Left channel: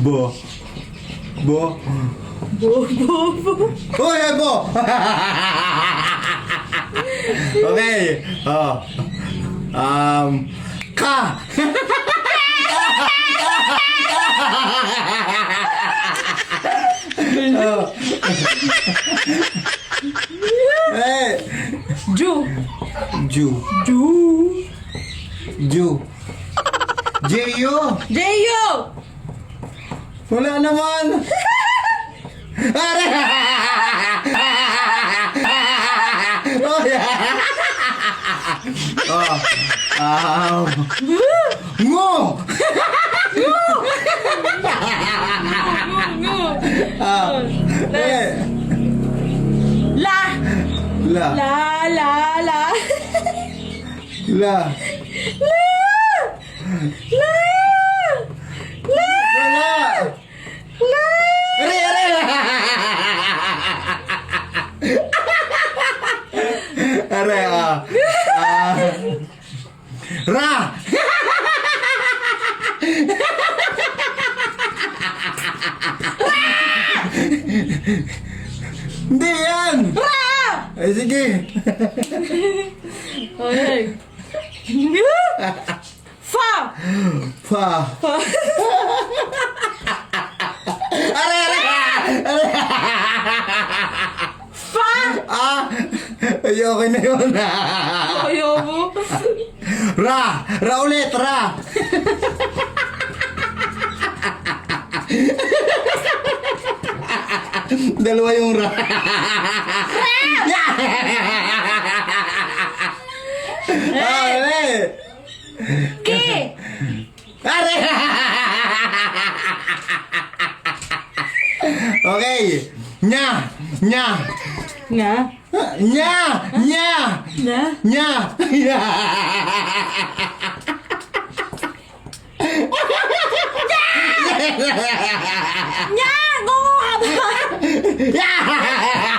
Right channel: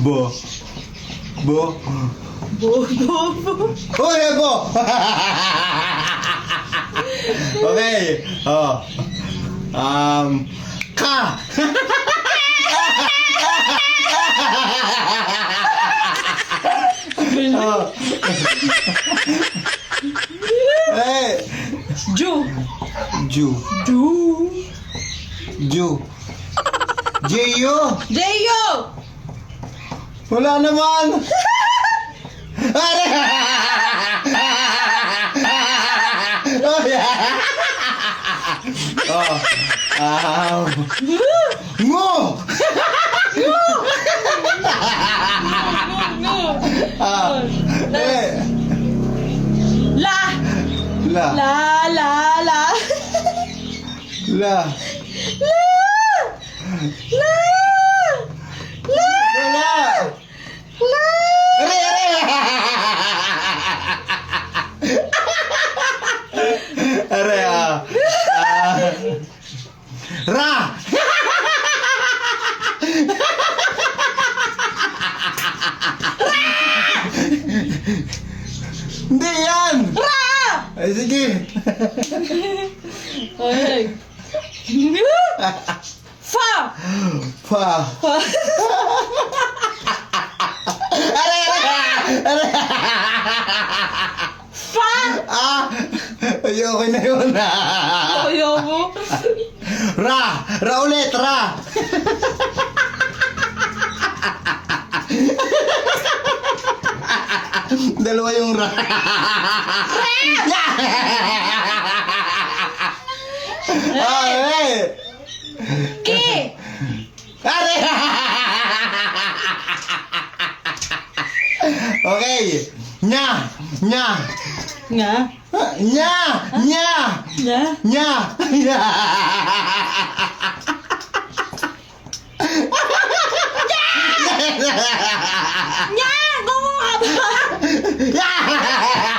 Bo. Bo. Bo. Uy, bo! Okay. Oh. Ka. Oh. Hey. Ju. Ju. Ju. Ju. Jeyo. Jeyo. Wala naman. Are. Oh, yeah. Oh. Mo. No. Eh. La. La. La. La. La. Wala. Are, are. Are, Ra. Hindi yan. Ay, sige. Okay. Fa. Pa. Are. Fa. Ay, okay na yun. Ayaw mo. Ra. Ra ulit, ra. Dalawa yung ra. Ay. Ki. Are. Okay. Nya. Nya. Nga. Nya. Nya. Nga. Nya. Nya. Nga. Gungo ka ba? Yeah!